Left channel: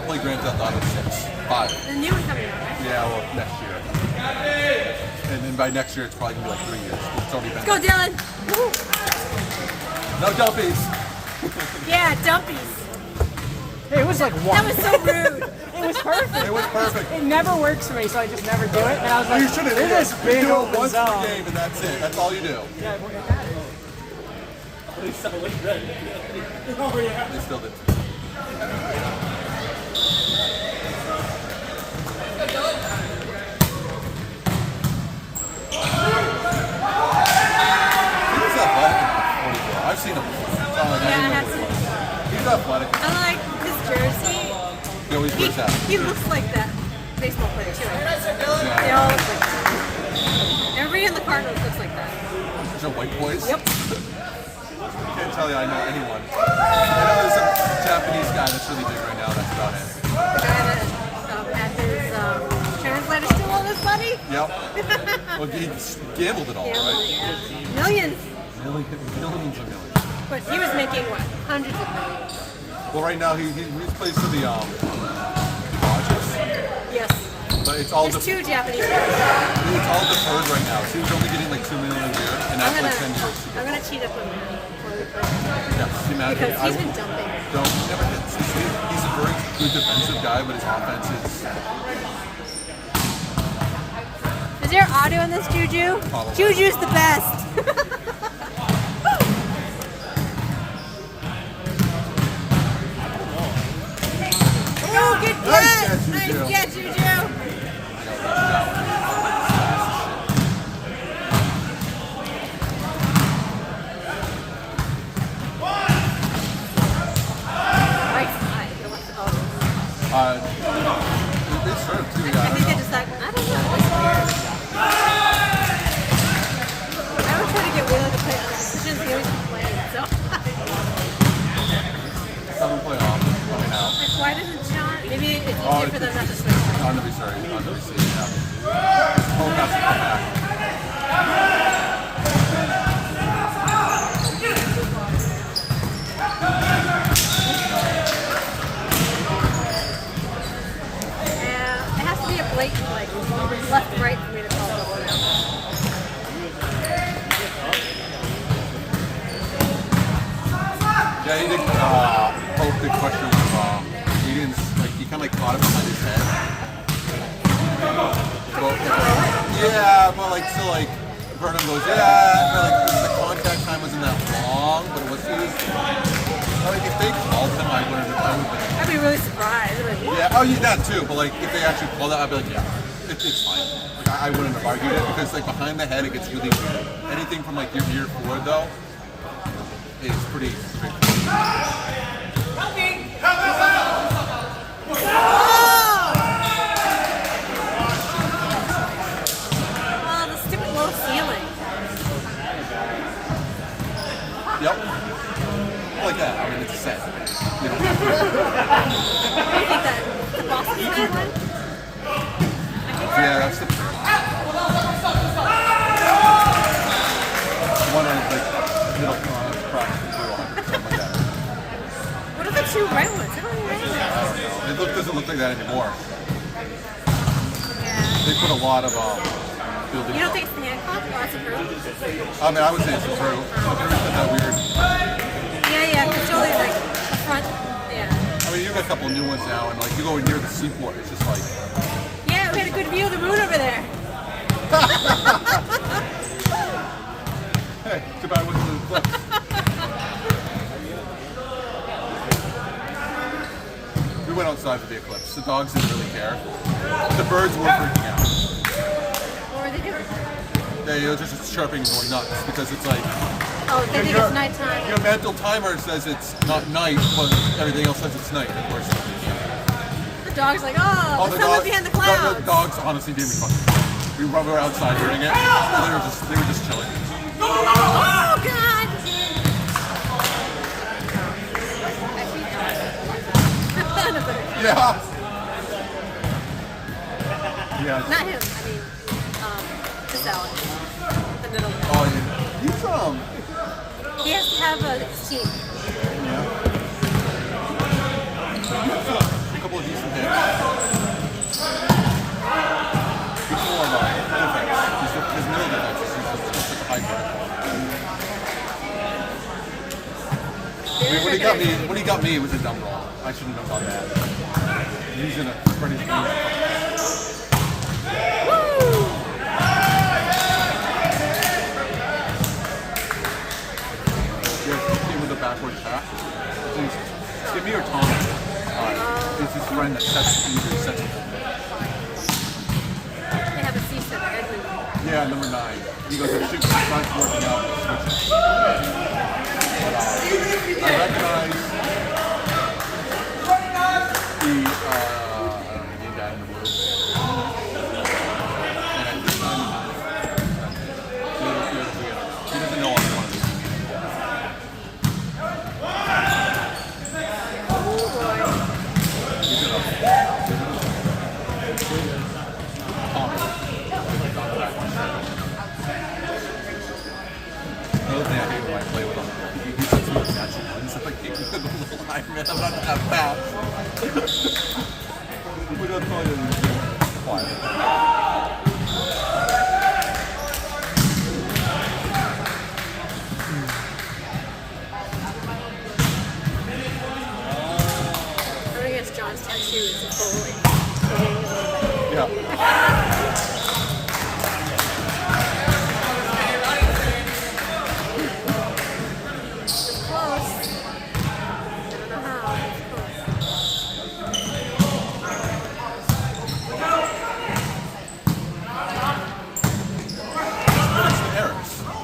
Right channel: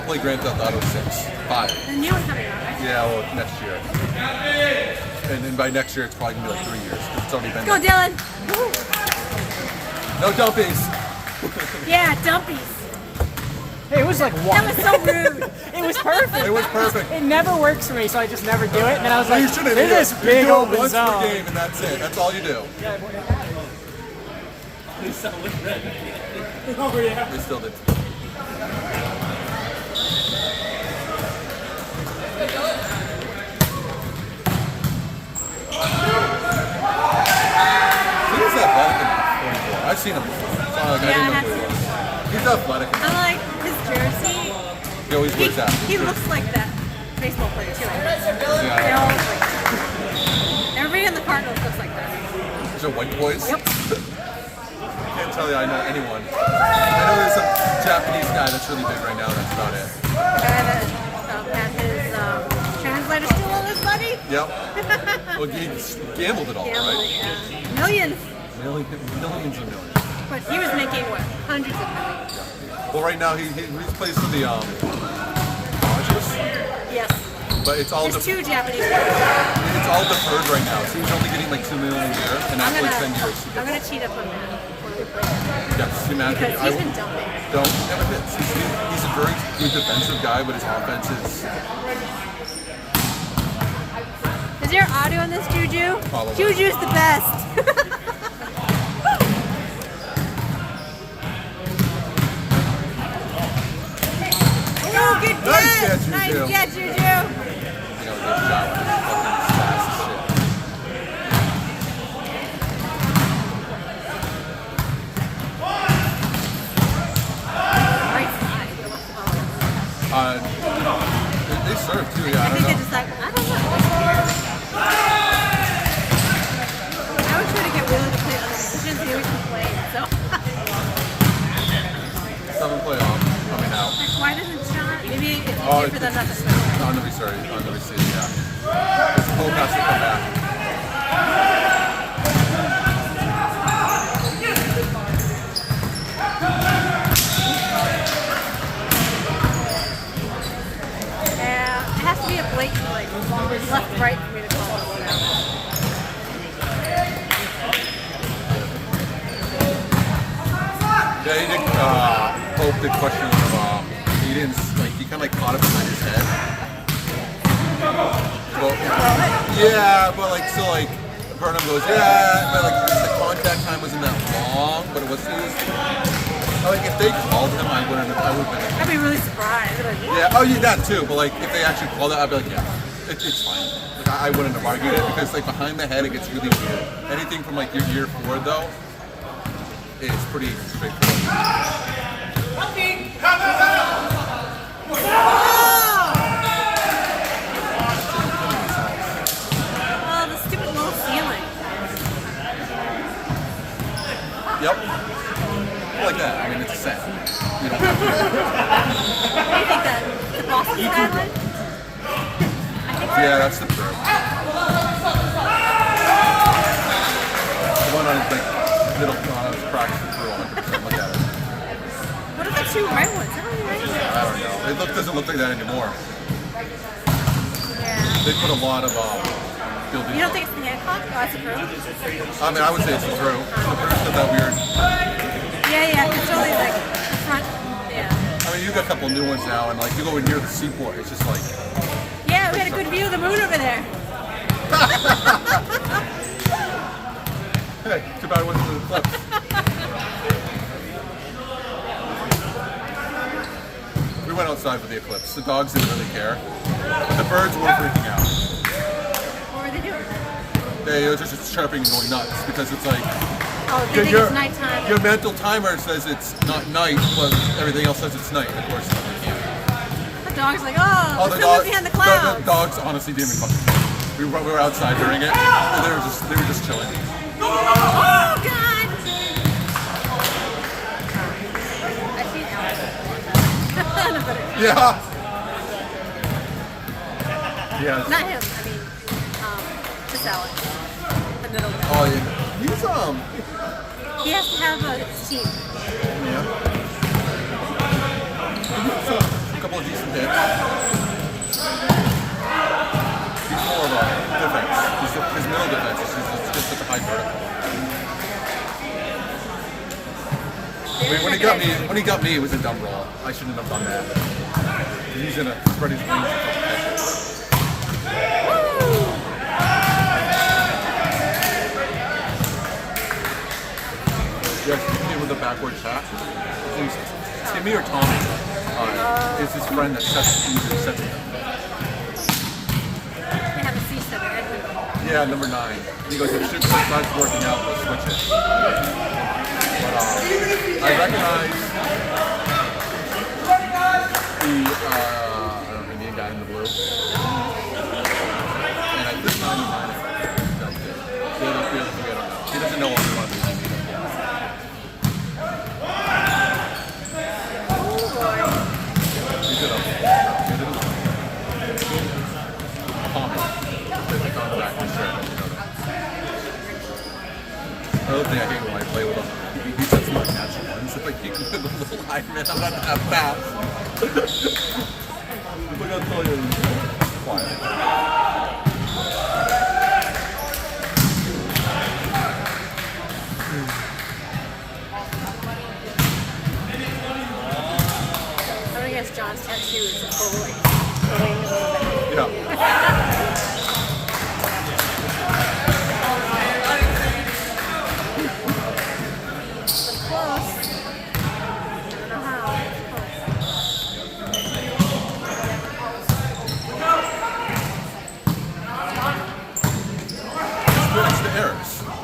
I'll play Grand Theft Auto 6. 5. The new one coming out, right? Yeah, well, next year. And then by next year, it's probably going to be like 3 years. It's already been. Go, Dylan! Woo. No dumpies! Yeah, dumpies. Hey, it was like one. That was so rude. It was perfect. It was perfect. It never works for me, so I just never do it. And I was You like, should have this is big do it open once per zone. game, and that's it. That's all you do. Yeah, well, they got it. They still did. He's athletic enough. I've seen him before. So like, Yeah, I I have didn't know seen who he was. He's athletic. I like his jersey. He always wears that. He looks like that baseball player too. I think. They Yeah. all look like that. Everybody in the Cardinals looks like that. These are white boys. Yep. I can't tell you I know anyone. I know there's a Japanese guy that's really big right now. That's about it. The guy that had his translator steal all his money. Yep. Well, he gambled it all, Gambling, right? yeah. Millions. Millions and millions. But he was making what? Hundreds of millions. Well, right now he plays for the Dodgers, Yes. but it's all There's two Japanese guys. it's all deferred right now. So he's only getting like $2 million a year, and I'm that's like 10 gonna, years. I'm gonna cheat up on that before we play him. Yes, you imagine. Because he's been dumping. He's a very good defensive guy, but his offense is. Is there audio in this, Juju? Probably. Juju's the best. Oh, good catch! Nice catch, Nice Juju. catch, Juju. You know, good shot. Right side. They serve too. I Yeah, think they just like, I don't know. I always try to get Wheeler to play other positions. He always complains. So Southern playoff coming out. like, why doesn't Sean? Maybe it's Oh, easier for them not to switch. Right? On the receiver, yeah. This Pope has to come back. Yeah, it has to be a blatant like left right for me to call this one out. Yeah, he did. Pope did question him. He didn't. Like, he kind of like caught it behind his head. But, yeah, but like so like Burnham goes, yeah, but like the contact time wasn't that long, but it was like if they called him, I would have I'd be really surprised. I'd be like, yeah, oh yeah, that too. But like if they actually called it, I'd be like, yeah, it's fine. Like I wouldn't have argued it because like behind the head, it gets really anything from like your ear forward though is pretty straightforward. oh, the stupid low ceiling. Yep. Like that. I mean, it's a set. You don't have to. What do you think that the Boston skyline? I think so. Yeah, that's the bird. The one on the middle cross the blue on. So look at it. What are the two red ones? They're only red. I don't know. Doesn't look like that anymore. Yeah. They put a lot of building. You don't think it's the Hancock? Oh, that's approved? I mean, I would say it's true. It's not that weird. Yeah, because totally like the front. Yeah. I mean, you got a couple of new ones now, and like you go near the seaport, it's just like. Yeah, we had a good view of the moon over there. Hey, too bad I wasn't in the clips. We went outside for the eclipse. The dogs didn't really care. But the birds were freaking out. What were they doing? They were just chirping and going nuts because it's like Oh, they think it's nighttime. your mental timer says it's not night, but everything else says it's night. Of course, you can't. The dog's like, oh, the sun was behind the clouds. The dogs honestly didn't fucking. We were outside hearing it, and they were just chilling. Oh, God! I see Alex. Yeah. Yes. Not him, I mean, this Alex. The middle guy. Oh, yeah. He's He has to have a team. like a couple of decent hits. He's more of a defense. His middle defense is just such a high vertical. When he got me, it was a dumb roll. I shouldn't have done that. He's in a spread his wings. Yes, with the backward tap. It's me or Tom. It's his friend that sets it. They have a seat set at Yeah, number 9. He goes, shoot, it's not working out, let's switch it. But I recognize the name down in the blue. And I think he doesn't know I'm going to be Another thing I hate when I play with him, he sets me up natural ones. It's like he can put the little Iron Man, I'm not that fast. Look how tall you are. Quiet. I would guess John's tattoo is a full, like, wings on the back. Yeah.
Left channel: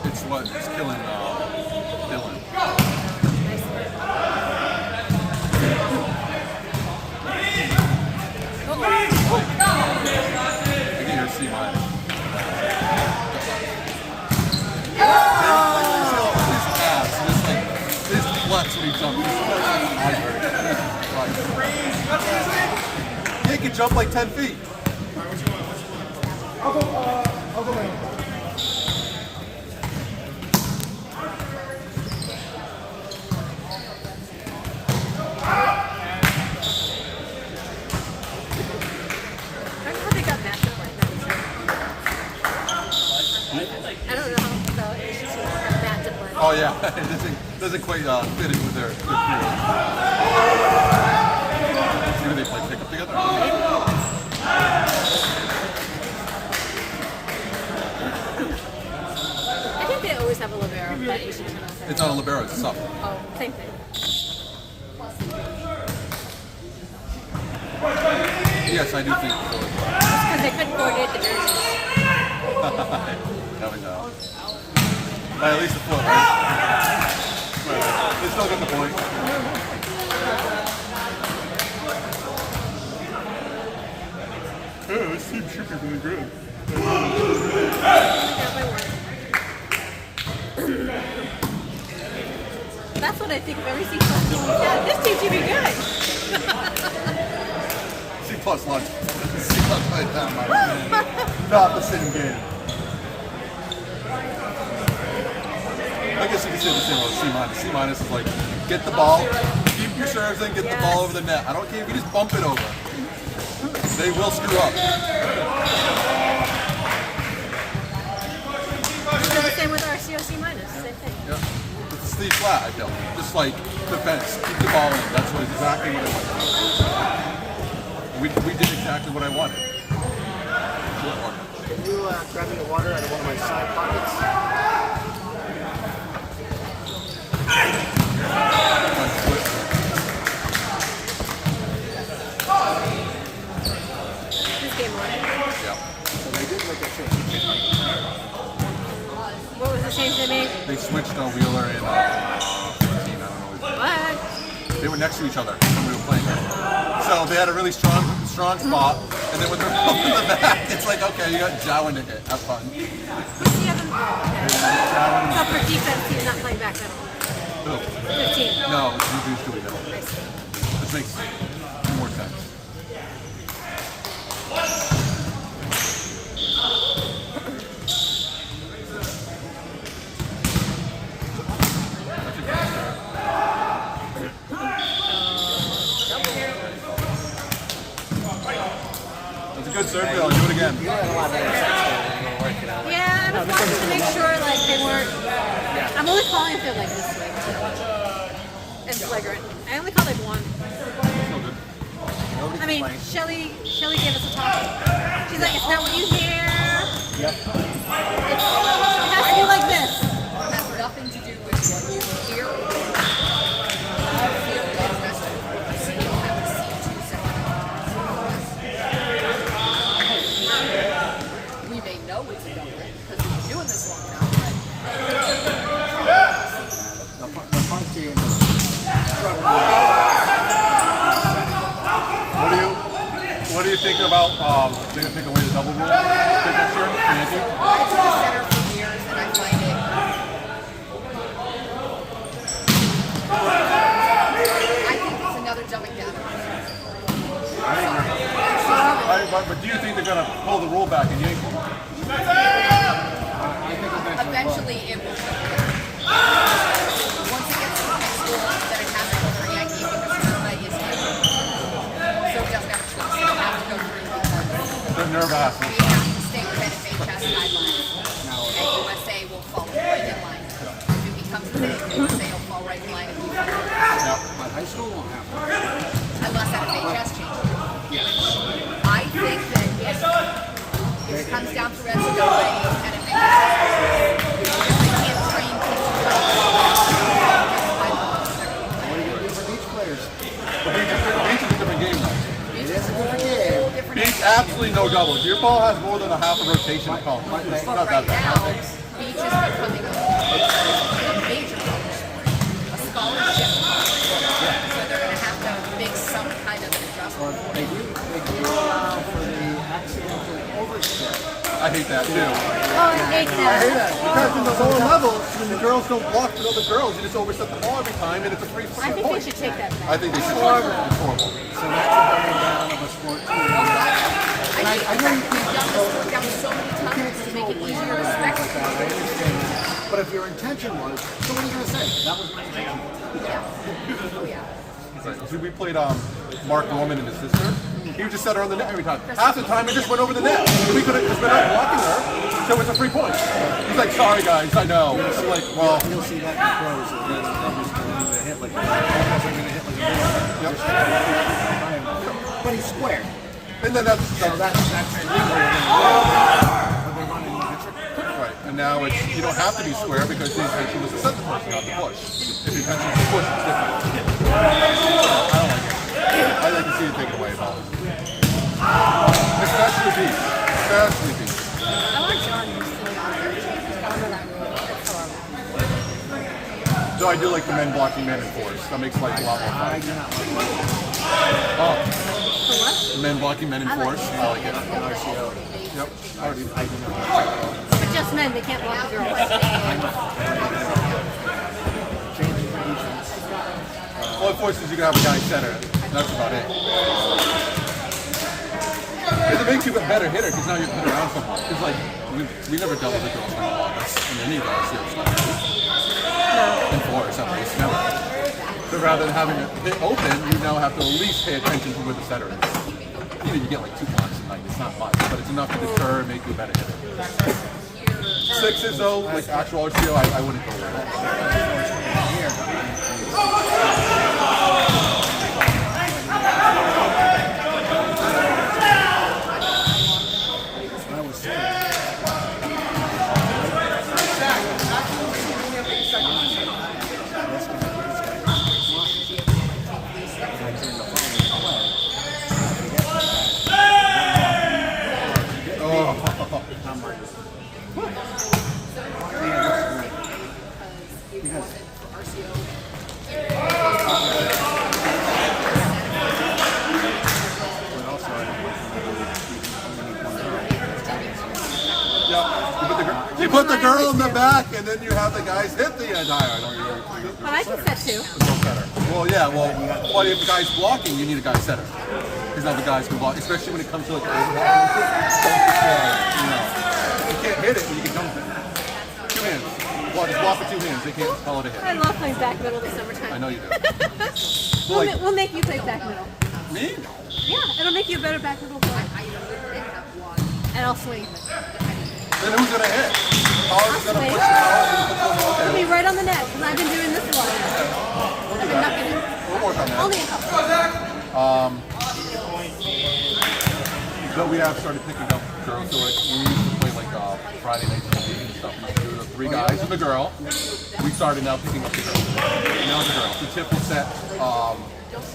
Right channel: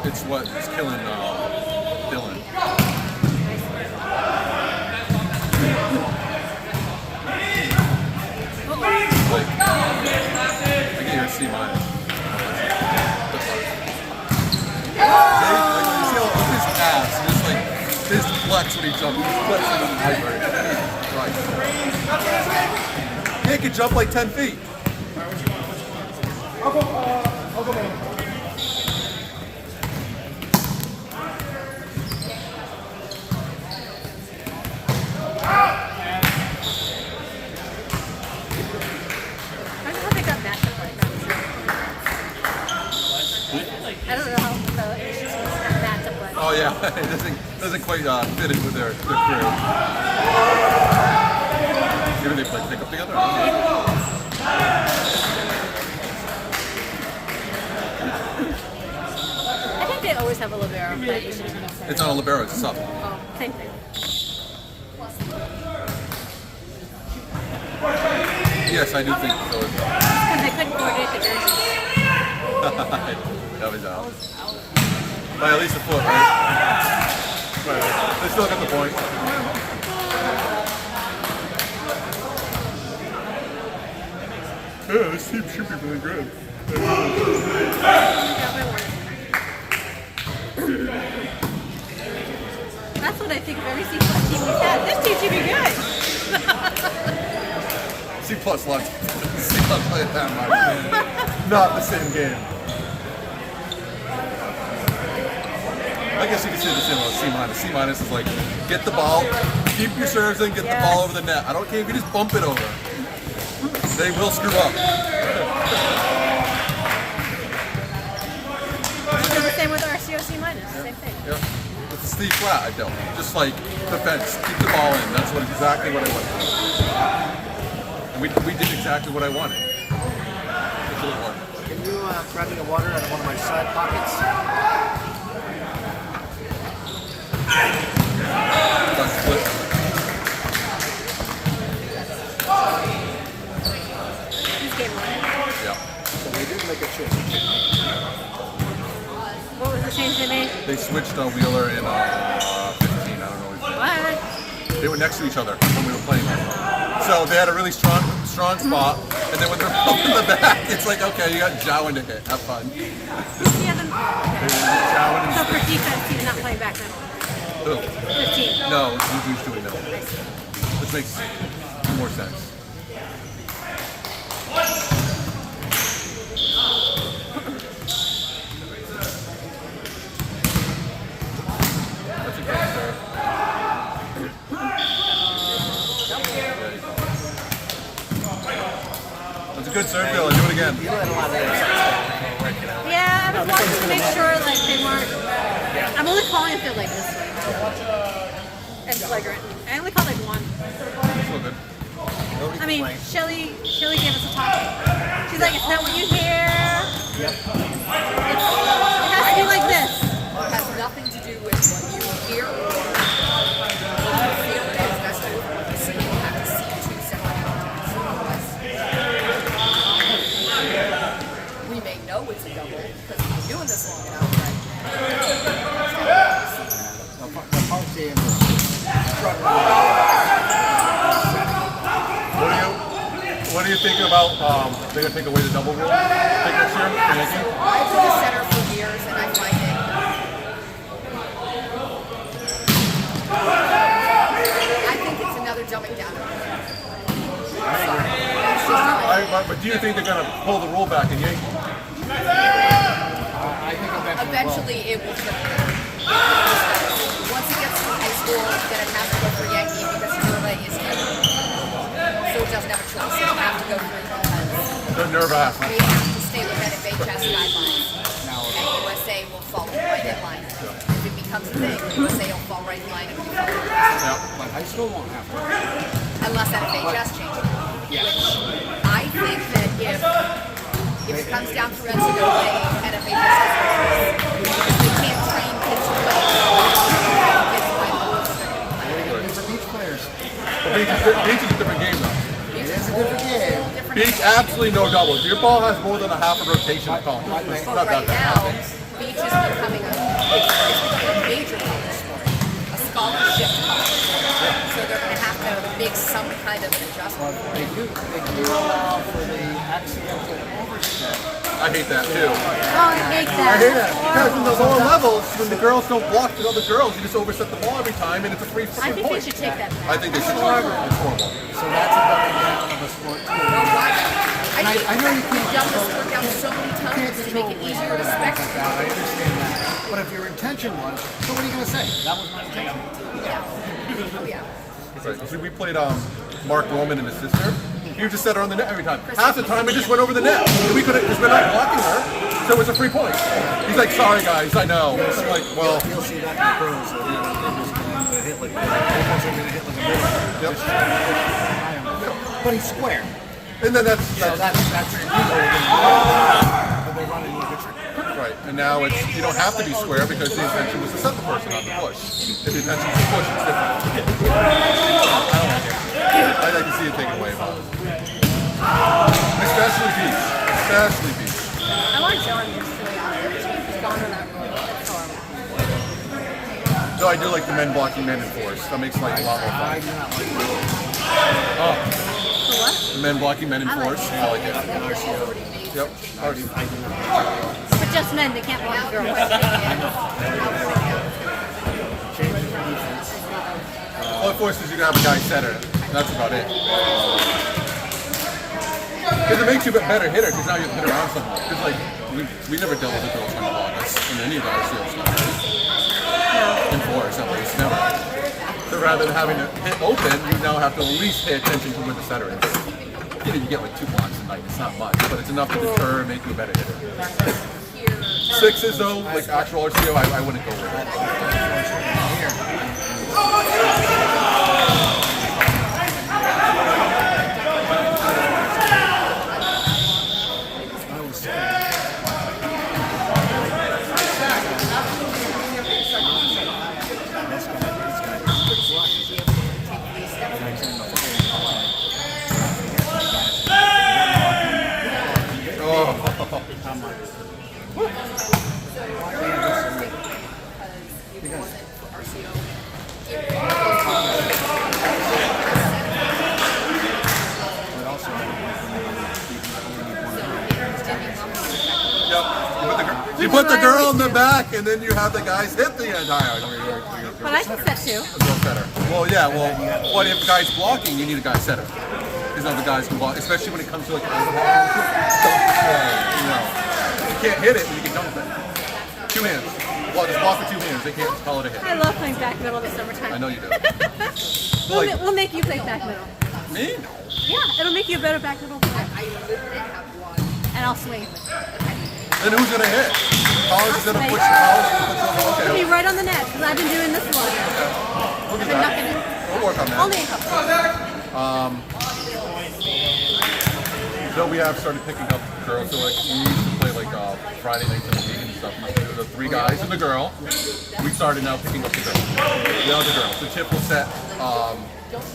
It's what is killing Dylan. You can't even see mine. His ass, he's like, his flex when he jumps. He can jump like 10 feet. I'll go down. Oh yeah, it doesn't quite fit into their period. Do they play pickup together? I think they always have a libero, that Asian team. It's not a libero, it's a sub. Oh, same thing. Yes, I do think so. Because they couldn't coordinate the jerseys. That was out. But at least the foot, right? They still get the point. Yeah, this team should be really good. Yeah, my word. That's what I think of every C+ team we've had. This team should be good. C+ lots. C+ played that much. Not the same game. I guess you can say the same about C-. C- is like, get the ball, keep your serves, and get the ball over the net. I don't care if you just bump it over. They will screw up. So the same with RCO C-, same thing. Yeah. With the sleeve flat, I don't. Just like defense, keep the ball in. That's exactly what I wanted. And we did exactly what I wanted. Can you grab me the water out of one of my side pockets? This game won. Yeah. So they did make a change. What was the change they made? They switched Wheeler and 15, I don't know. What? They were next to each other when we were playing them. So they had a really strong spot, and then when they're both in the back, it's like, okay, you got Jowan to hit. Have fun. Who's the other? So for defense, he's not playing back middle. Who? 15. No, Juju's doing it. This makes more sense. good serve, Bill. Do it again. You let a lot of interceptions when you work it out. Yeah, I was watching to make sure like they weren't. I'm only calling if they're like this way. And flagrant. I only called like one. So good. I mean, Shelly gave us a talking. She's like, it's not what you hear. It has to be like this. It has nothing to do with what you hear or feel. It has to do with what you see. You have to see two separate entities. We may know it's a double because we've been doing this long enough, The park game is What do you think about? They're gonna take away the double rule. Take this year, Yankee? I took a center for years and I find it. I think it's another dumbing down. But do you think they're gonna pull the rule back in Yankee? I think Eventually it will turn. Once it gets to high school, it's going to have to go for Yankee because Nerva is here. So it doesn't have a choice. It have to go through Roadhouse. They're nervous. We have to stay within FHS guidelines. And USA will fall right in line. If it becomes a thing, USA will fall right in line. but high school won't have to. Unless that FHS changes. Which I think that if it comes down to NCAA and if FHS if they can't train kids These are beach players. Beach is a different game, though. It is a different game. Beach, absolutely no doubles. Your ball has more than a half a rotation to come. It's not Right that now, bad. beach is becoming a major a scholarship. So they're going to have to make some kind of adjustment. But they do allow for the accidental overstep. I hate that too. Oh, I hate that. I hate That's that because in the horrible. lower levels, when the girls don't block the other girls, you just overset the ball every time, and it's a free I freaking think they point. should take that back. I think they should. Horrible. It's horrible. So that's a double down on the sport too. I know you We've can done this workout so many times to make it easier to respect. I understand that. But if your intention was, so what are you going to say? That was my intention. Yeah. Oh, yeah. Right. So we played Mark Roman and his sister. He would just set her on the net every time. Half the time, it just went over the net. We could have just been out blocking her, so it was a free point. He's like, "Sorry guys, I know." I'm like, "Well, You'll see that in the pros. They're going to hit like that. They're going to hit like this. yep." But he's square. And then that's So that's legal. But they're running like a trick. right. And now it's you don't have to be square because the intention was to set the person, not to push. If the intention is to push, it's different. I don't like it. I like to see it taken away, Bob. Especially beach. Especially beach. I want John just to honor that rule. That's horrible. Though I do like the men blocking men in force. That makes life a lot more I fun. do not. For what? Men blocking men in I like force. it. I like it. Yep. I do not. But just men, they can't block the girls. Changing for defense. All it forces you to have a guy center. That's about it. Because it makes you a better hitter because now you can hit around someone. Because like we never double the girls on the ball. That's in any of our series. In force, at least never. So rather than having it hit open, you now have to at least pay attention to where the center is. You know, you get like 2 blocks a night. It's not much, but it's enough to deter and make you a better hitter. Sixes though, like actual RCO, I wouldn't go with it. You put the girl in the back, and then you have the guys hit the entire. But I can set two. Well, yeah. Well, what if the guy's blocking? You need a guy setter. Because now the guys can block, especially when it comes to like overhead. You can't hit it, but you can dunk it. 2 hands. Well, just block with 2 hands. They can't call it a hit. I love playing back middle this summertime. I know you do. We'll make you play back middle. Me? No. Yeah, it'll make you a better backpedal player. I did have one. And I'll swing. Then who's gonna hit? Holly's I'll gonna swing. push it. It'll be right on the net because I've been doing this a lot. I've been ducking it. We'll work on that. Only a couple. But we have started picking up girls. So like we used to play like Friday nights in the league and stuff. And we do the 3 guys and the girl. We started now picking up the girl. The other girl. So Chip will set.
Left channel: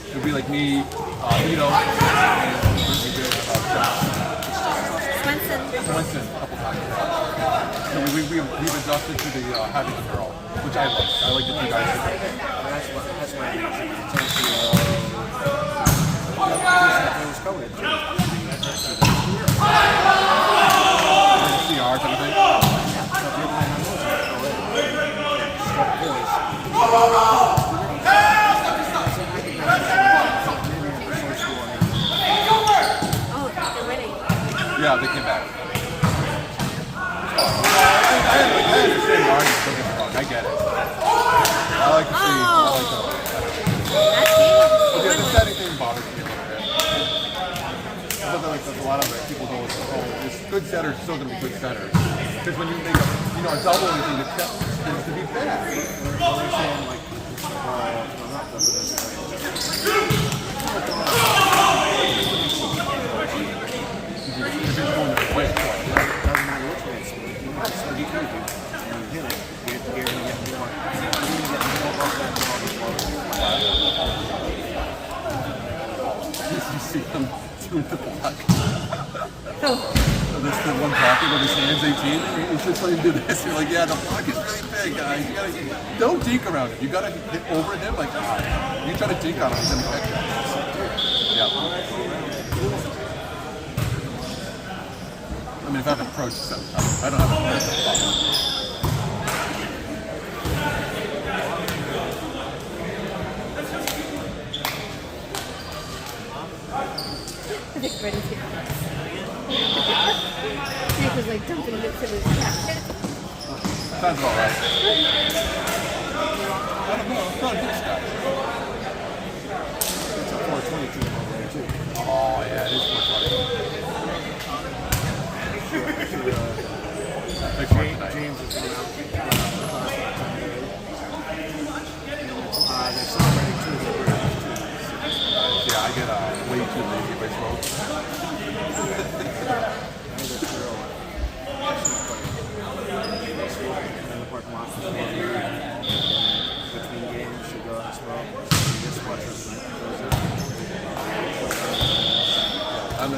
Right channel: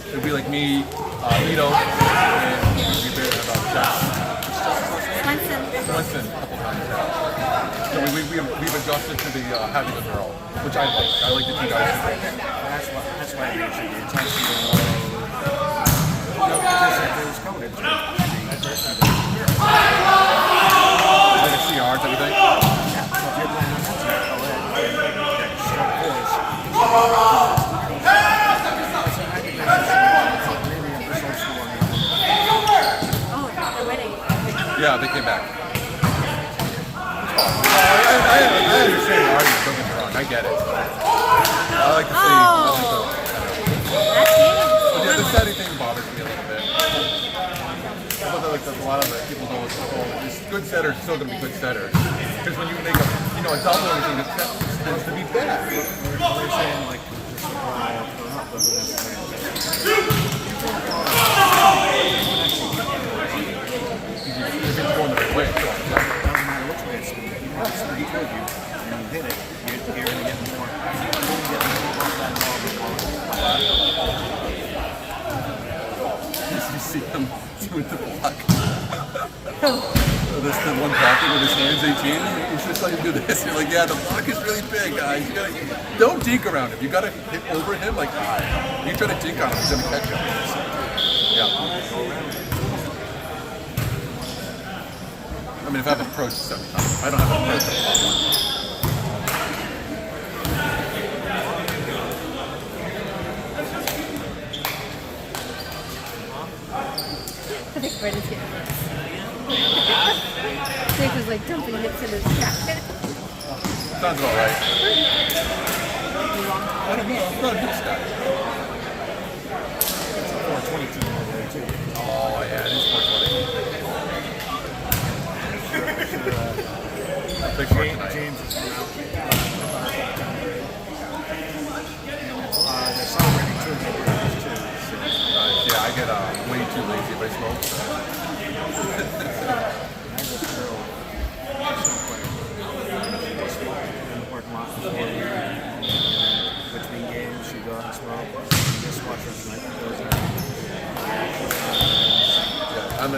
It'd be like me, Lito, and we did Swenson. Swenson a couple times. So we've adjusted to the having a girl, which I like. I like the 2 guys. That's why I mentioned the intensity of it was coded too. CRs, everything. Oh, they're winning. Yeah, they came back. I understand the argument, don't get me wrong, I get it. I like to see. Oh. That's game. The setting thing bothers me a little bit. I feel like a lot of the people know it's like, oh, these good setters are still going to be good setters. Because when you make a double and you get things to be bad. They're saying like, You're just going to quick. You see him doing the block. This the one blocking with his hands 18. He's just like do this. You're like, yeah, the block is really big, guys. You gotta, don't deke around him. You gotta hit over him like you try to deke on him, he's gonna catch you. Yeah. I mean, if I have an approach sometimes, I don't have a perfect block. I think Brendan's getting nips. Jake was like dumping nips in his jacket. Sounds about right. I don't know. I'm not a good guy. Oh, yeah, it is 420. James is Yeah, I get way too lazy if I smoke. between games, she goes and smoke. She just watches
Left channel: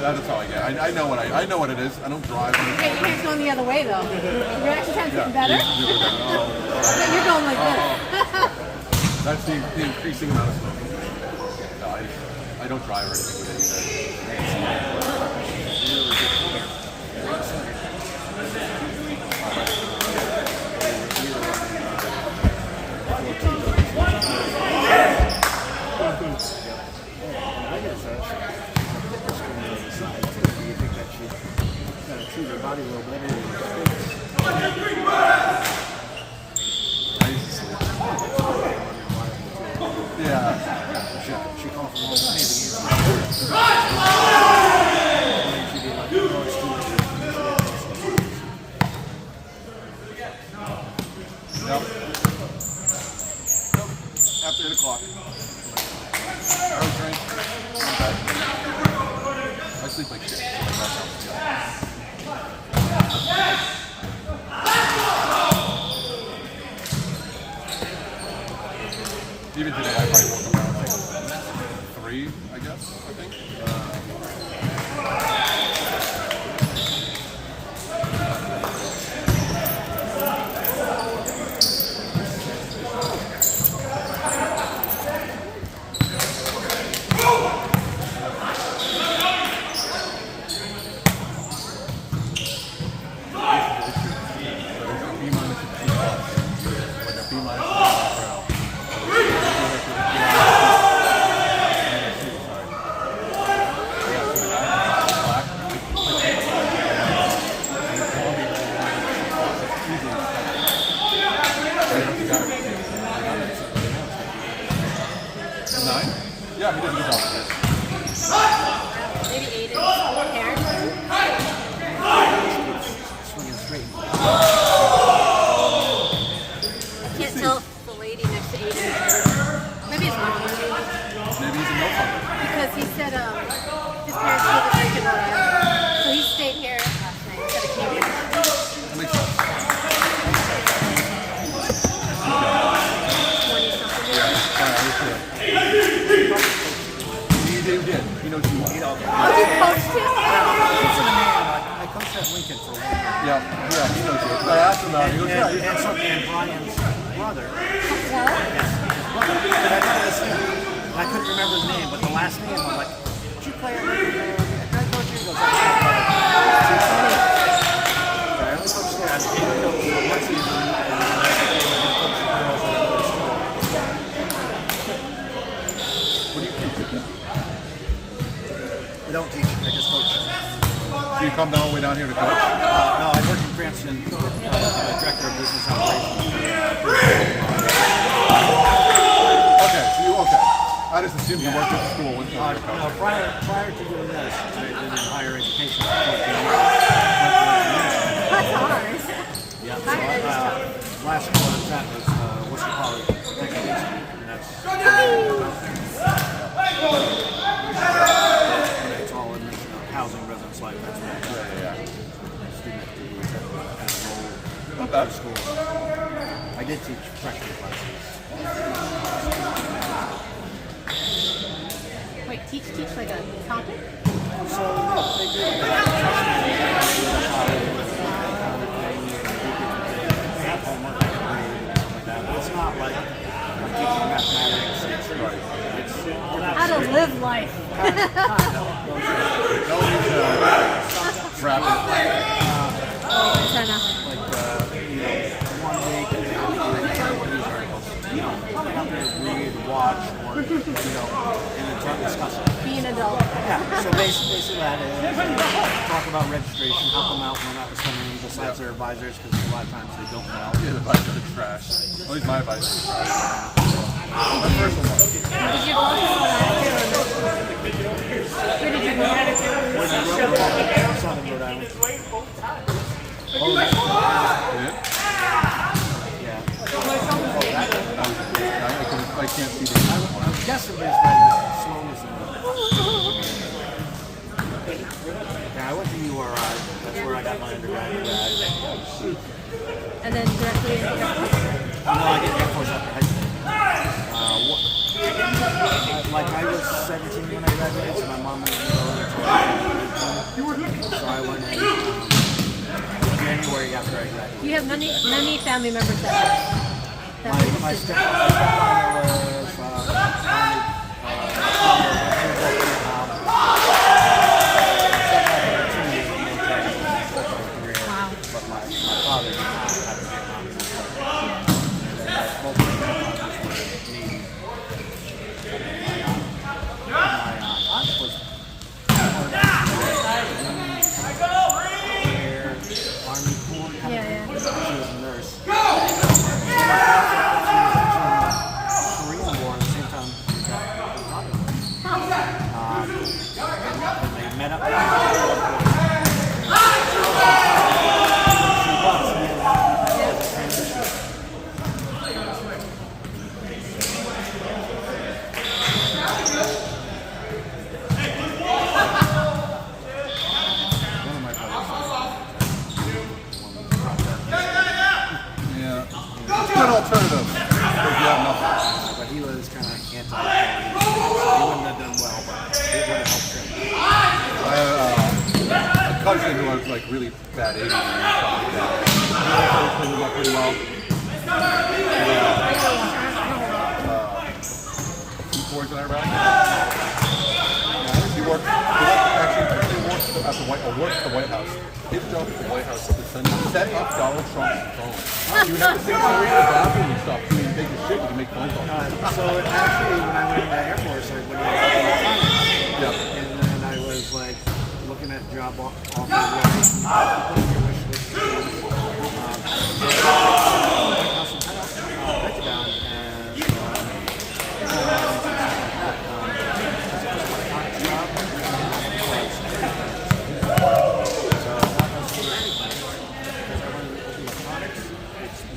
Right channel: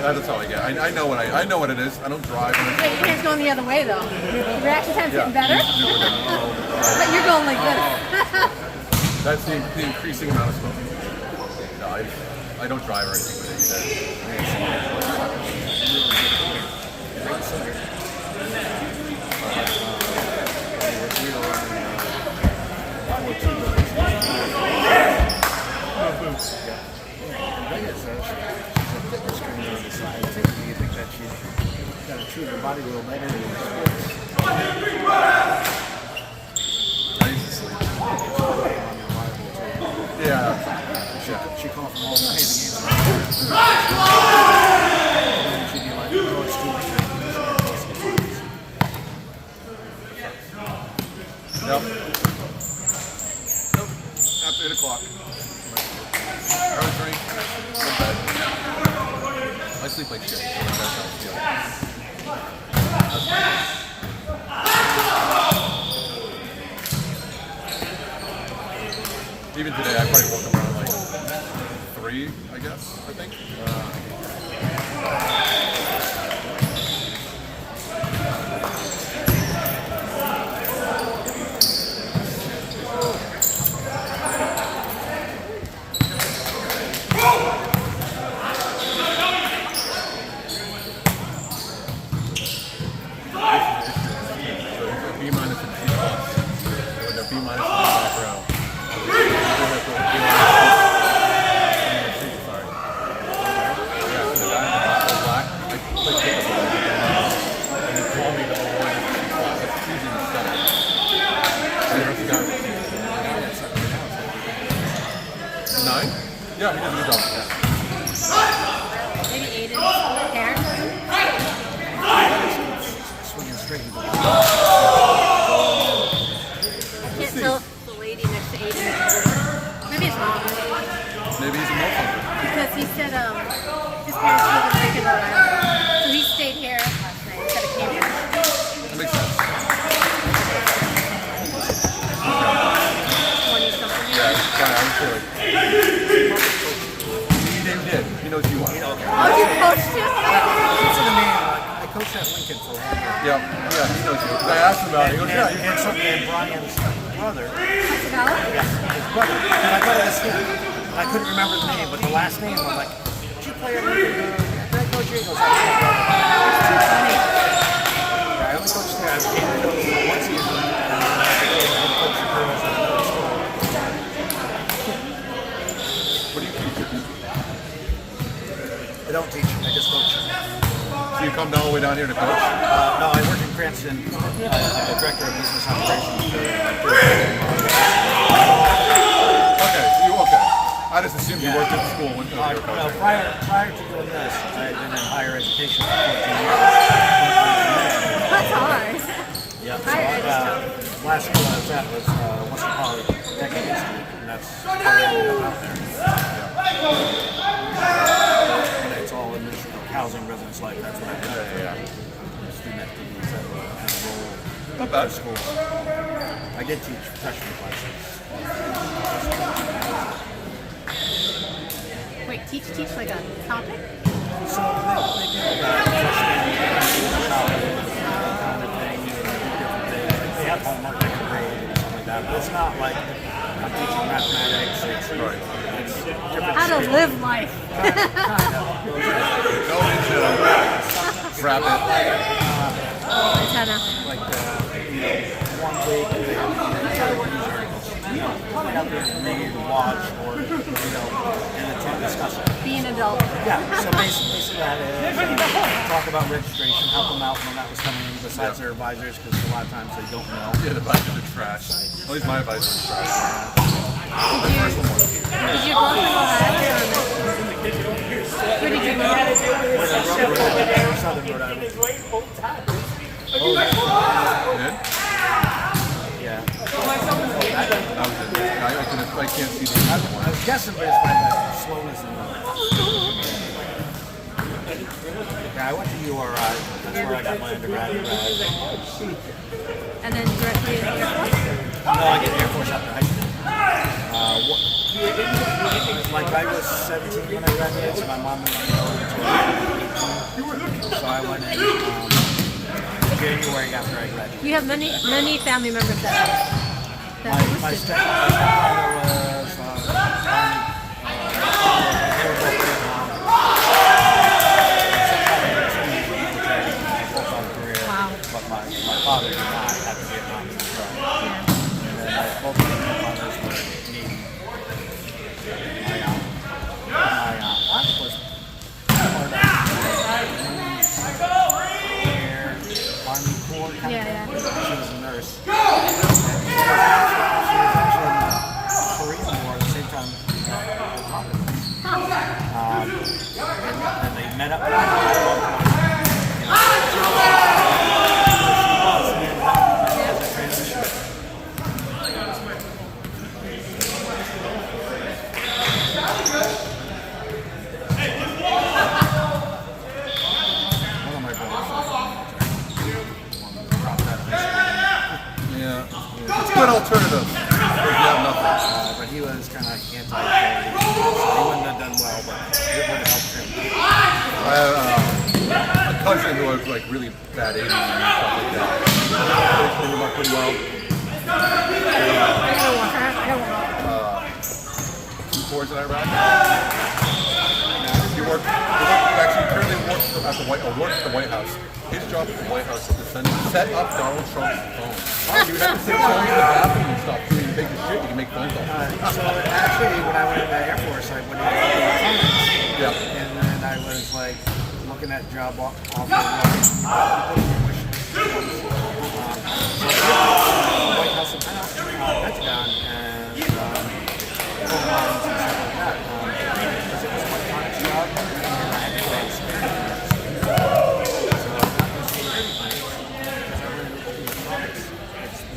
That's how I get. I know what I know what it is. I don't drive. Yeah, your hand's going the other way though. Your reaction time's getting better. But you're going like this. That's the increasing amount of smoking. No, I don't drive or anything. Yeah. She comes from the Yep. After 8 o'clock. Early drink. I'm bed. I sleep like shit. Even today, I probably woke up around like 3, I guess, I think. Yeah, we did a good job. can't tell if the lady next to Aiden is maybe it's wrong. Maybe he's a no fun. Because he said his parents live in Lincoln, Rhode Island. So he stayed here last night instead of Cambridge. That makes sense. 20-something Yeah, years. I'm sure. He did. He knows you want. Oh, you coached him? I coached at Lincoln for a while. Yeah, he knows you. I asked him about it. He goes, And yeah, he had something in Brian's brother. Pascal? Yes, his brother. And I thought it was him. I couldn't remember his name, but the last name, I'm like, did you play at Lincoln? Great coach here. He goes, Funny. I only coached there. I became a coach for one season, and then I became a coach for girls at another school. what do you teach? I don't teach, I just coach. So you come all the way down here to coach? No, I work in Cranston, director of business operations. Okay. I just assumed you worked at the school when you were No, coaching. prior to doing this, I had been in higher education for 14 That's hard. years. Higher ed is tough. Last school I was at was Western Poly Technical Institute, and that's it's all administrative, housing, residence life, that's what I do. Student activities as a role Not bad. at school. I did teach freshman classes. Wait, teach like a topic? So they do like freshman they have elementary grade and stuff like that, but it's not like I'm teaching mathematics. It's different. How to live life. Go into rapid. Antenna. Like, 1 week they have to do news articles. They have to read, watch, or, and then try to discuss it. Be an adult. Yeah, so basically that is talk about registration, help them out when that was coming in besides their advisors, because a lot of times they don't know. Yeah, the advice is trash. At least my advice is trash. My personal one. Did you grow up in Ohio? Where did you grow up? Southern Rhode Island. Yeah? Yeah. I can't see the I was guessing based by the slowness in it. Yeah, I went to URI. That's where I got my undergraduate. And then directly into Air Force? No, I did Air Force after high school. Like I was 17 when I graduated, so my mom was going to 18. So I went in January after I graduated. You have many family members that My enlisted. stepfather was Wow. but my father did not have a Vietnam military. Yeah. Both of my fathers were Navy. My aunt was Army Corps kind of Yeah, thing. yeah. She was a nurse. She was actually in the Korean War at the same time. And they met up. One of my brothers. Yeah. It's a good alternative. If you have nothing. But he was kind of anti-authority. So he wouldn't have done well, but it would have helped him. I have a cousin who has like really bad aiming and stuff like that. They cleaned him up pretty well. T4s in Iraq. He worked actually at the worked at the White House. His job at the White House is to set up Donald Trump's phone. You have to sit down in the bathroom and stuff. So you take your shit, you can make phone calls. So actually, when I went into the Air Force, I went into Yeah. and then I was like looking at job offers.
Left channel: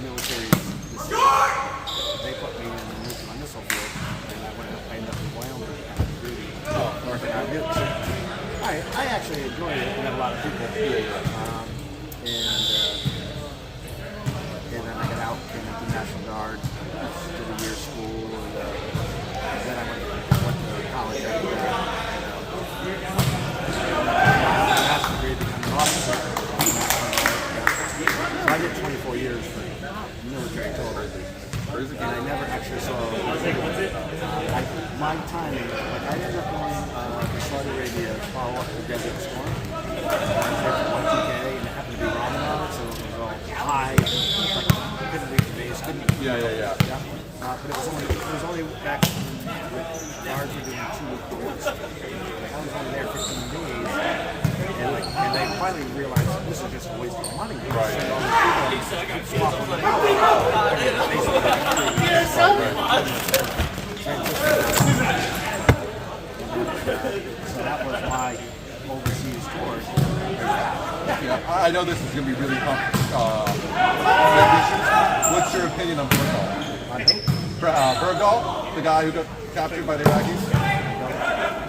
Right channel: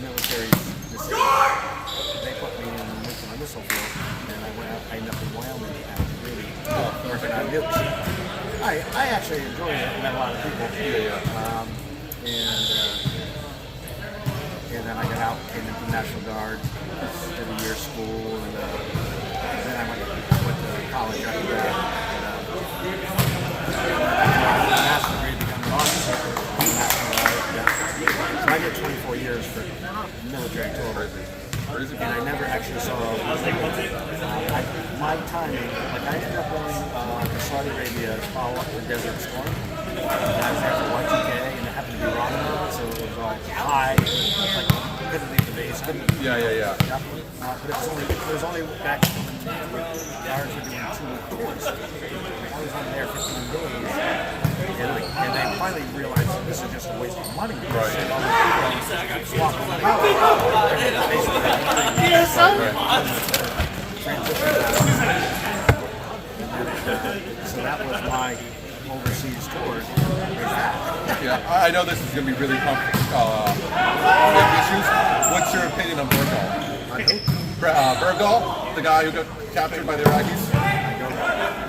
Military. they put me in the missile field, and I ended up in Wyoming and really working on it. I actually enjoyed it. I met a lot of people. And then I got out, came into National Guard, did a year of school, and then I went to college after that. Master's degree to become an officer. So I did 24 years for military total. And I never actually saw my timing. Like I ended up going to Saudi Arabia to follow up the Desert Storm. And I was there for 1 2K, and it happened to be Ramadan, so it was like high. Like, couldn't leave the base, couldn't. Yeah. But it was only back with guards were doing 2-week tours. I was only there 15 days, and they finally realized that this is just a waste of money. Right. So that was my overseas tour. I know this is going to be really issues. What's your opinion on Bergdahl? Bergdahl, the guy who got captured by the Iraqis?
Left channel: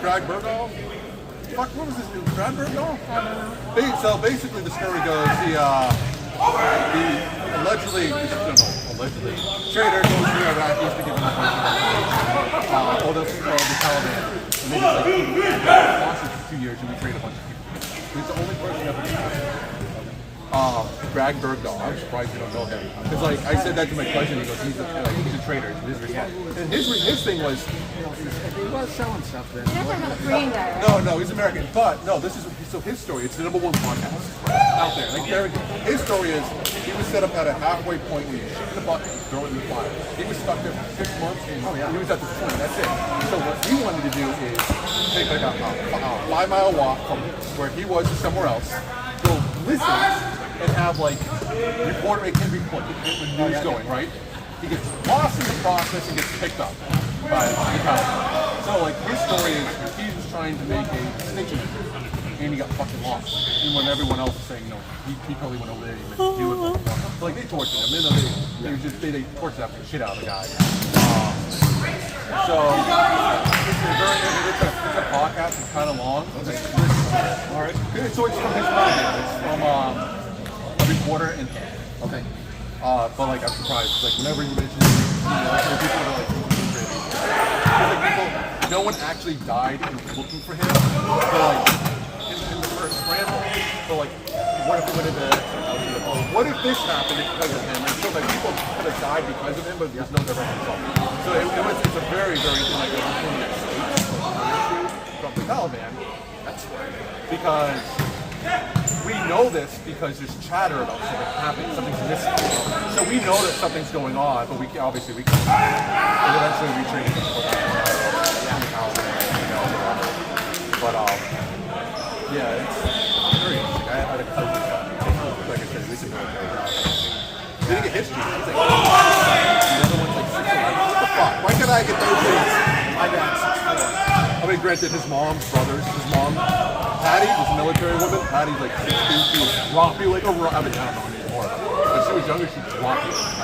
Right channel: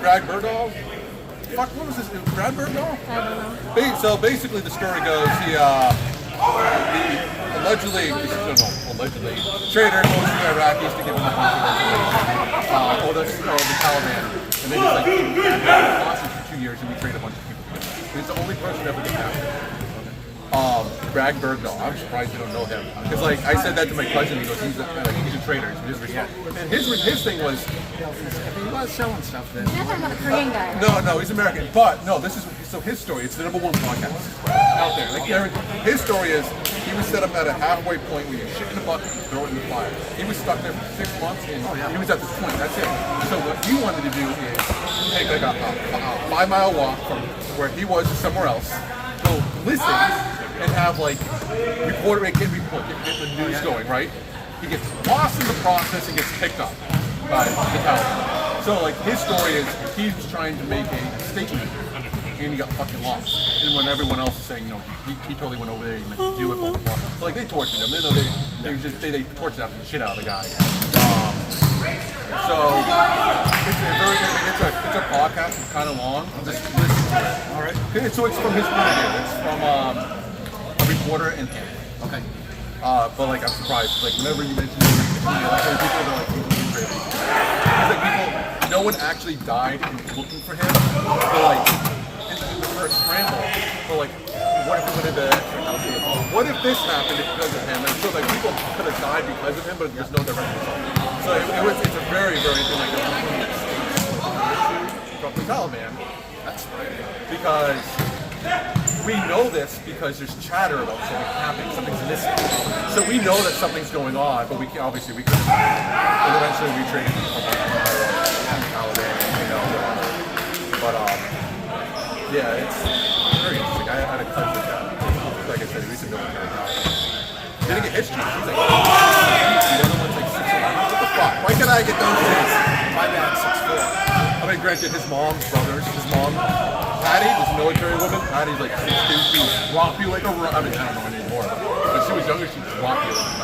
Greg Bergdahl? Fuck, what was his name? Brad Bergdahl? I don't know. So basically the story goes, the allegedly trader goes to the Iraqis to give them a bunch of information. The Taliban. And they just like keep hostage for 2 years and we trade a bunch of people. He's the only person ever to do Greg Bergdahl. I'm surprised you don't know him. Because like I said that to my cousin, he goes, he's a trainer. He's responsible. And his thing was, He was selling stuff then. You're talking about the Korean guy, right? no, he's American. But no, this is so his story. It's the #1 podcast out there. Like his story is he was set up at a halfway point where you shoot in the bucket and throw it in the fire. He was stuck there for 6 months and he was at this point. That's it. So what he wanted to do is take like a 5-mile walk from where he was to somewhere else, go listen, and have like reporter it can report, get the news going, right? He gets lost in the process and gets picked up by the Taliban. So like his story is he was trying to make a statement and he got fucking lost. And when everyone else is saying no, he totally went over there and do it. Blah, blah, blah. So like they tortured him. They tortured the shit out of the guy. So it's a podcast. It's kind of long. Just listen to it. So it's from his point of view. It's from a reporter and him. Okay. But like I'm surprised. Like whenever you mention it, people are like people. No one actually died in looking for him. But like in the first scramble, but like what if what if this happened because of him? And so like people could have died because of him, but there's no direct result. So it's a very from the Taliban. Because we know this because there's chatter about something happening, something's missing. So we know that something's going on, but we can eventually we retrain the Taliban. But yeah, it's very interesting. I had a cousin, like I said, recently. Didn't get history. She's like, the other one's like 6'8". What the fuck? Why can't I get those things? I got 6'4". I mean, granted, his mom, Patty was a military woman. Patty's like 6'2". She was rocky like a rock. I mean, I don't know anymore. When she was younger, she was rocky like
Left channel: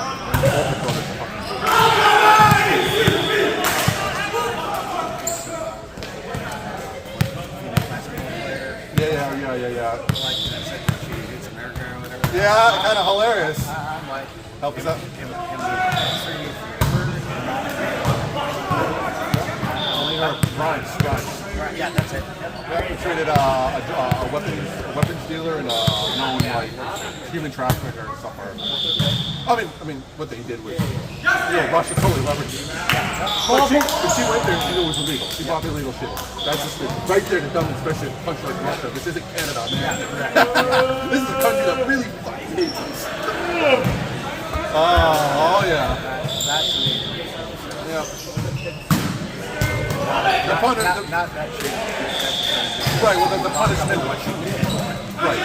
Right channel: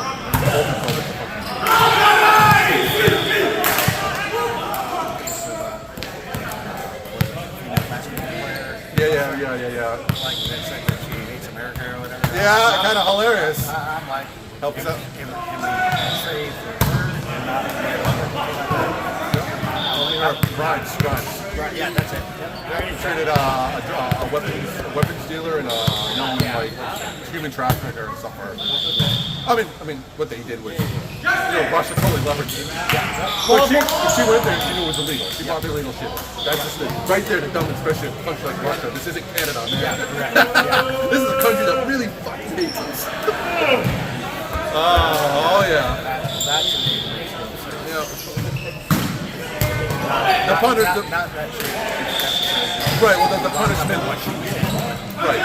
Yeah. Yeah, kind of hilarious. Help us out. Grimes. Yeah, that's it. He traded a weapons dealer and a known like human trafficker and stuff. I mean, what they did was, Russia totally leveraged it. But she went there and she knew it was illegal. She bought the illegal shit. That's just right there to dumb, especially a country like Russia. This isn't Canada. This is a country that really fucking hates us. Oh yeah. The punishment. Right. Well, the punishment. Right.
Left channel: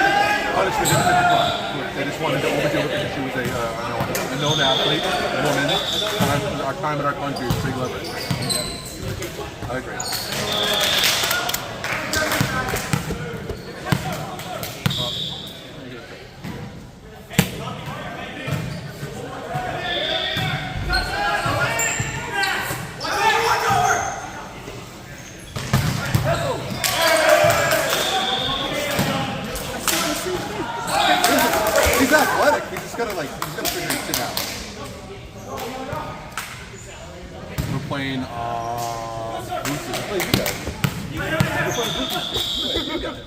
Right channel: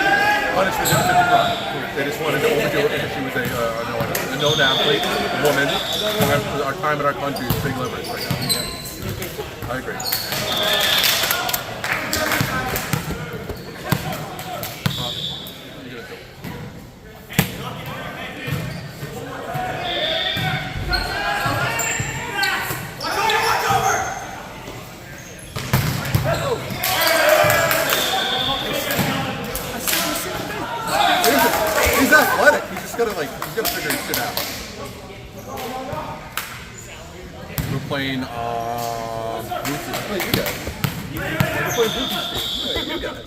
Punishment is 55. They just wanted to overdo it because she was a known athlete, a woman. Our time in our country was pretty limited. I agree. playing Bluetooth. Hey, you guys. We're playing Bluetooth. Yeah, you guys.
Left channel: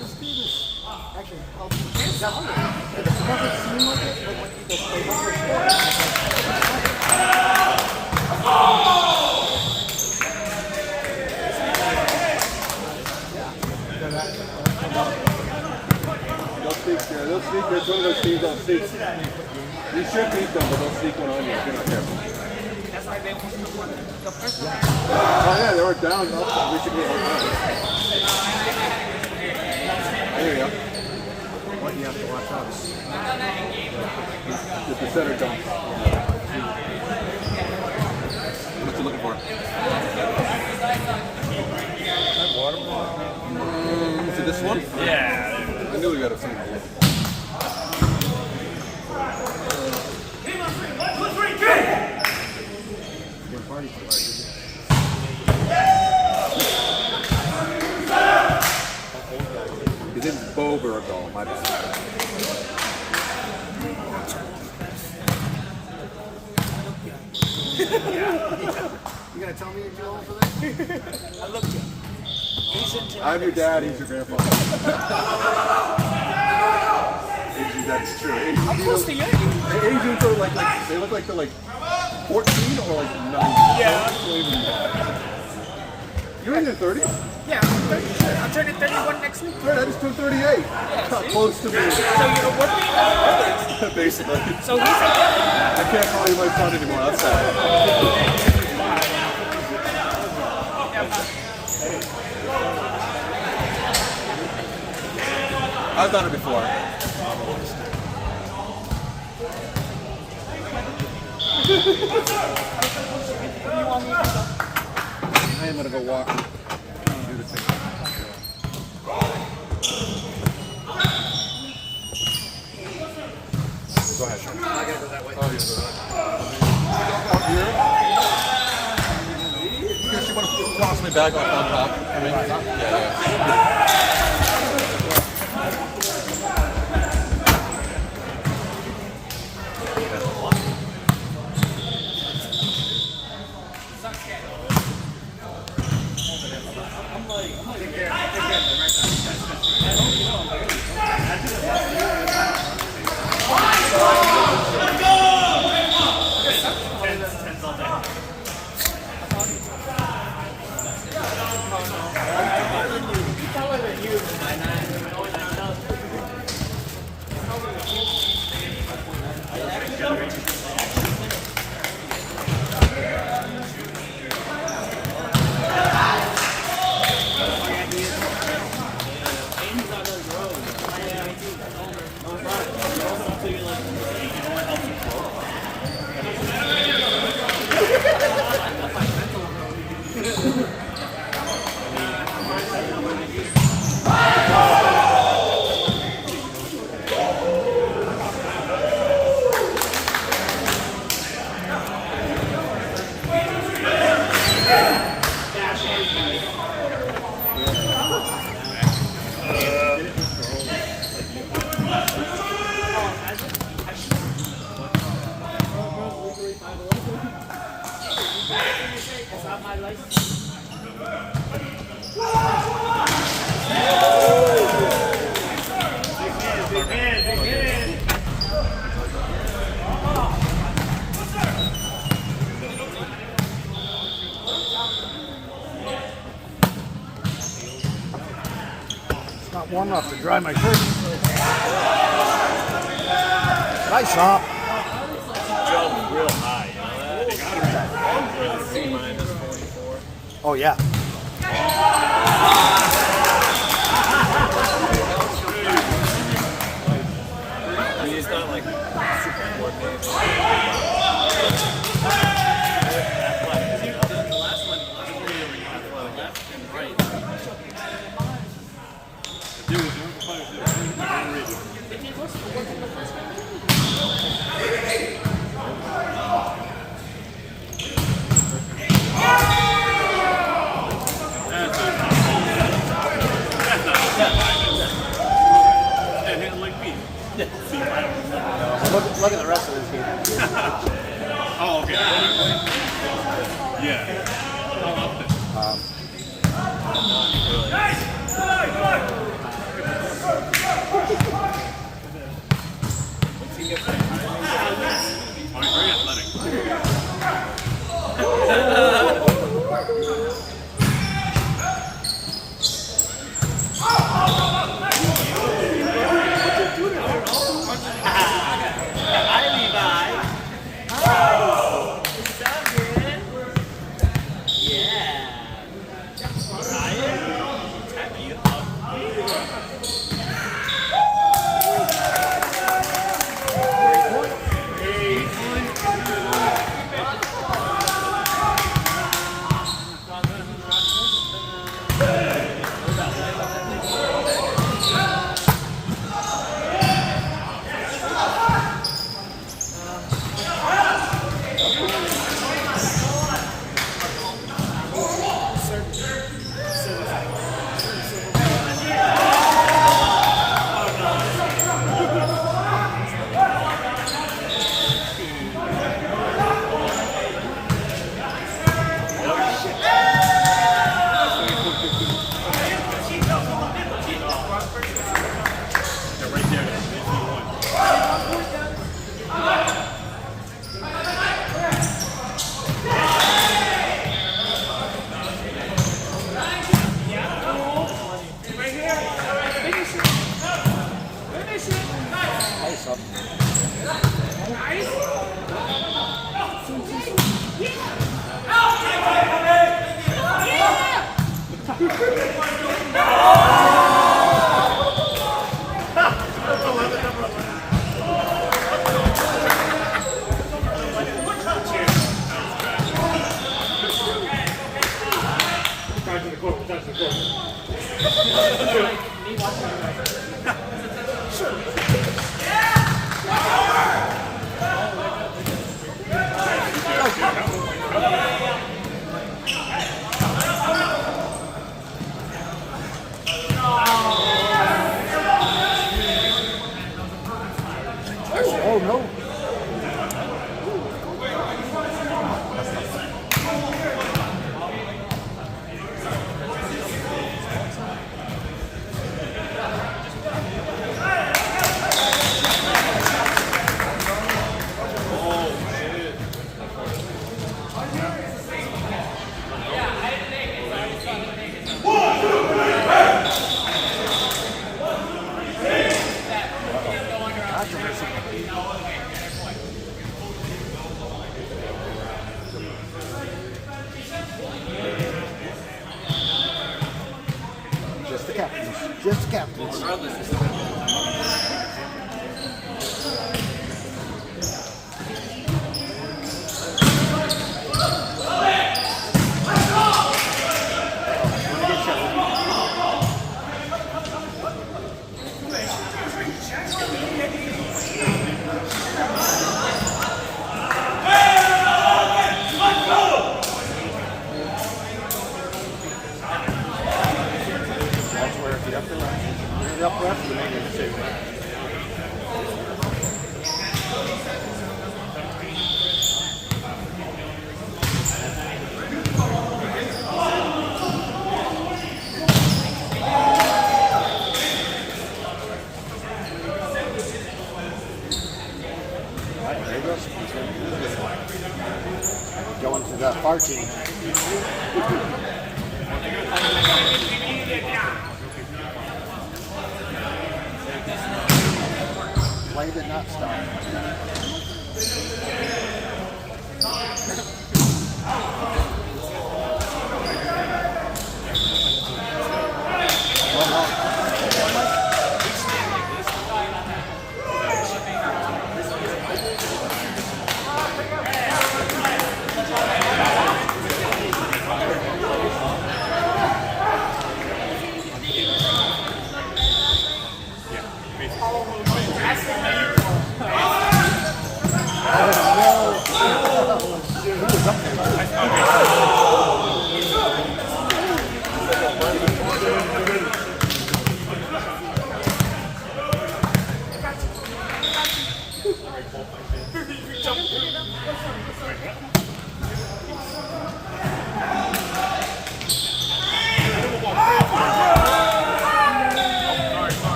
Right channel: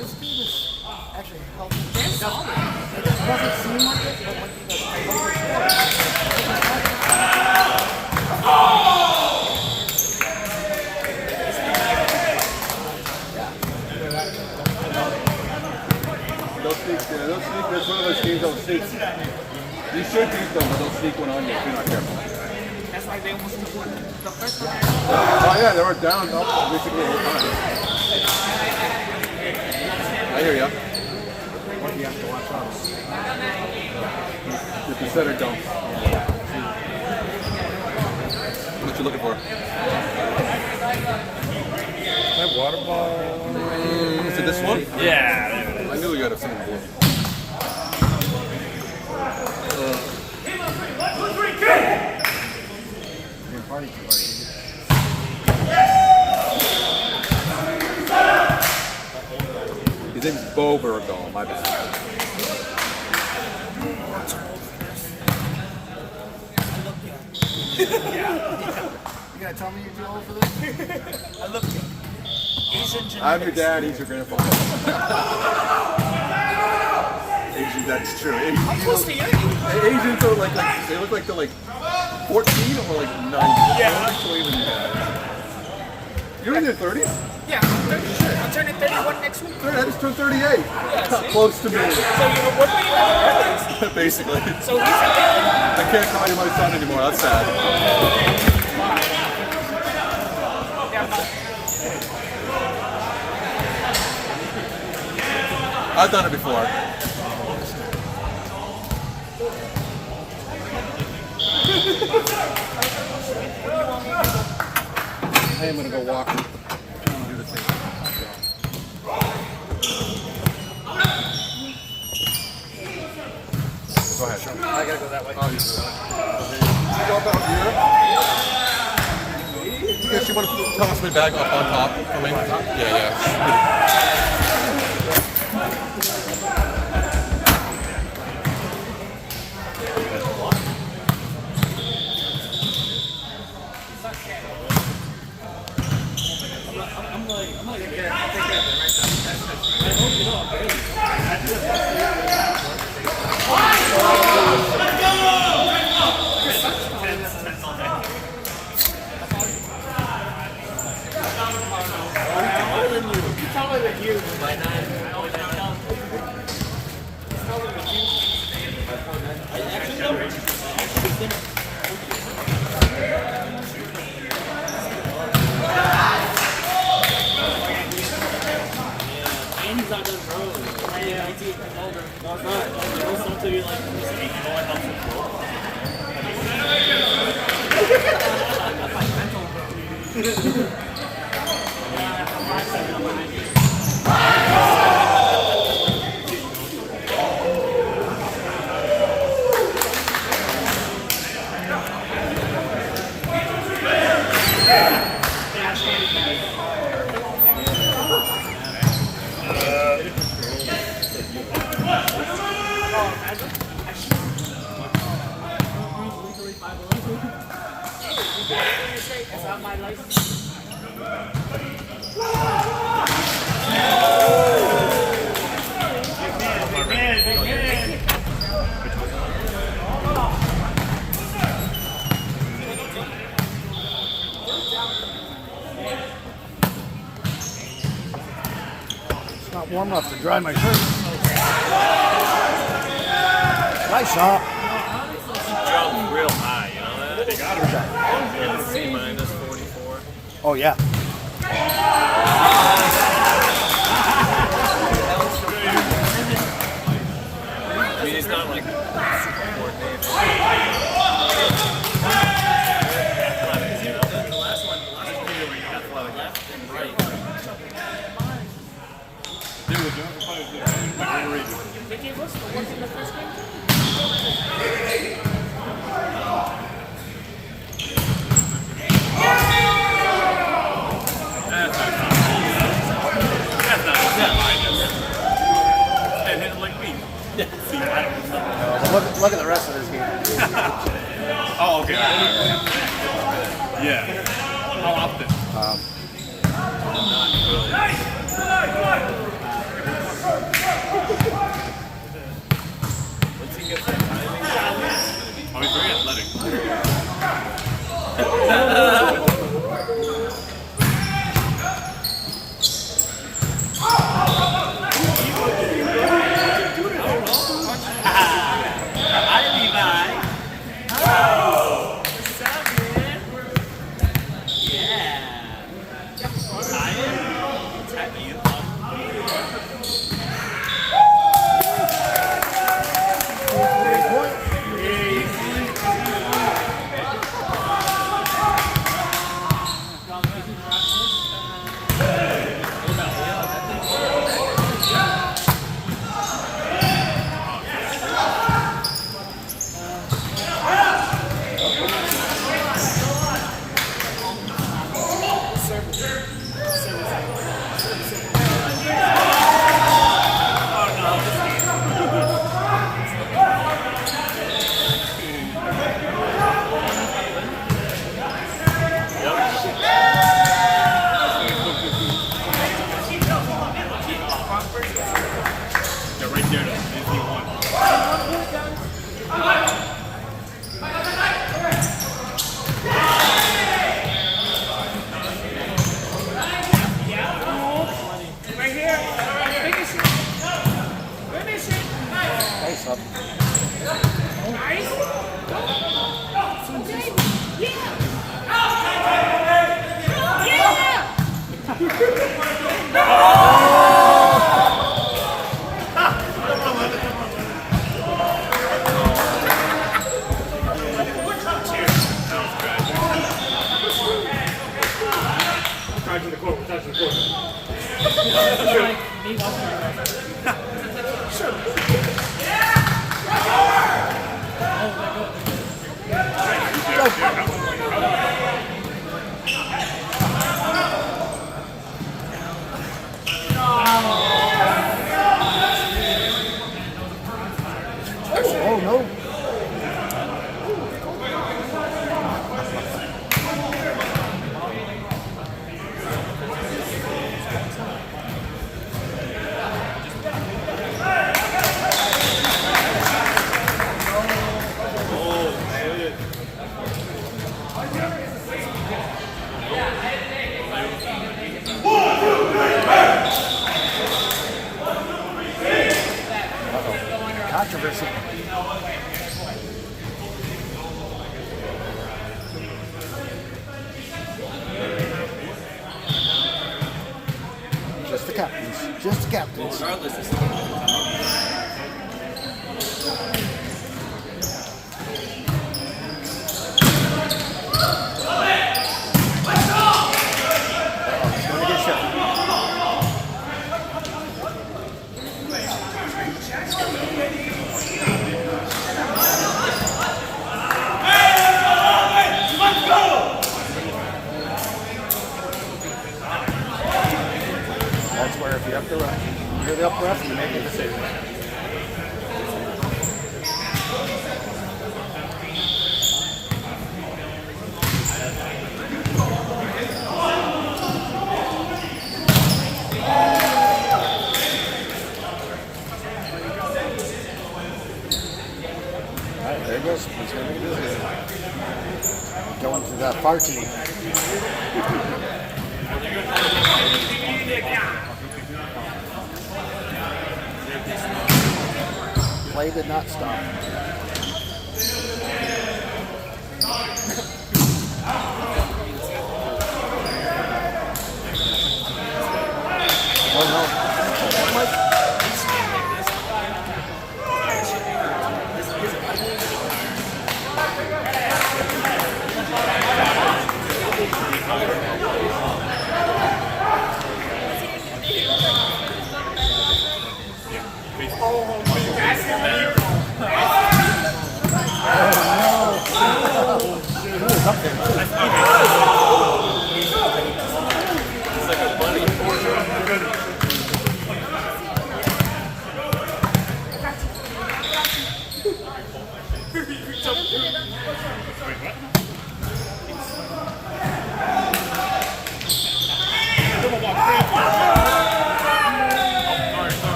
This game is actually it doesn't seem like They'll sneak. They'll sneak. That's one of those teams that'll sneak. You should beat them, but they'll sneak one on you. Be careful. Oh yeah, they were down up basically the whole time. I hear ya. you have to watch out. Get the center dump. What you looking for? That water bottle. Is it this one? Yeah. I knew we got a same one. His name's Bo Burgo, my bad. You gotta tell me you're dealing for this? I'm your dad, he's your grandfather. Asian, that's true. Asians are like, they look like they're like 14 or like 90. Yeah. You're in your 30s? Yeah, I'm turning 31 next week. No, I just turned 38. Close to me. So you're working? Basically. So he's I can't call you my son anymore. That's sad. I've done it before. I am gonna go walk. Do the thing. Go ahead. I gotta go that way. Oh, You guys, you want to toss my bag up on top for me? Yeah. It's not warm enough to dry my shirt. Nice hop. real high, you know that? C minus 44. Oh, yeah. I mean, he's not like super coordinated. Look at the rest of this game. Oh, okay. Yeah. How often? Oh, he's very athletic. Yeah, right there. He won. Nice up. Oh no. Controversy. Just the captains. Just the captains. Gonna get shot. That's where if you have to hit it up left, you might need to save it. Alright, there he goes. He's going to do it. Going to the far team. Play did not stop. Oh no.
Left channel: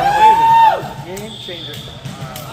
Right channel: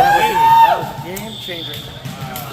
that was a game changer.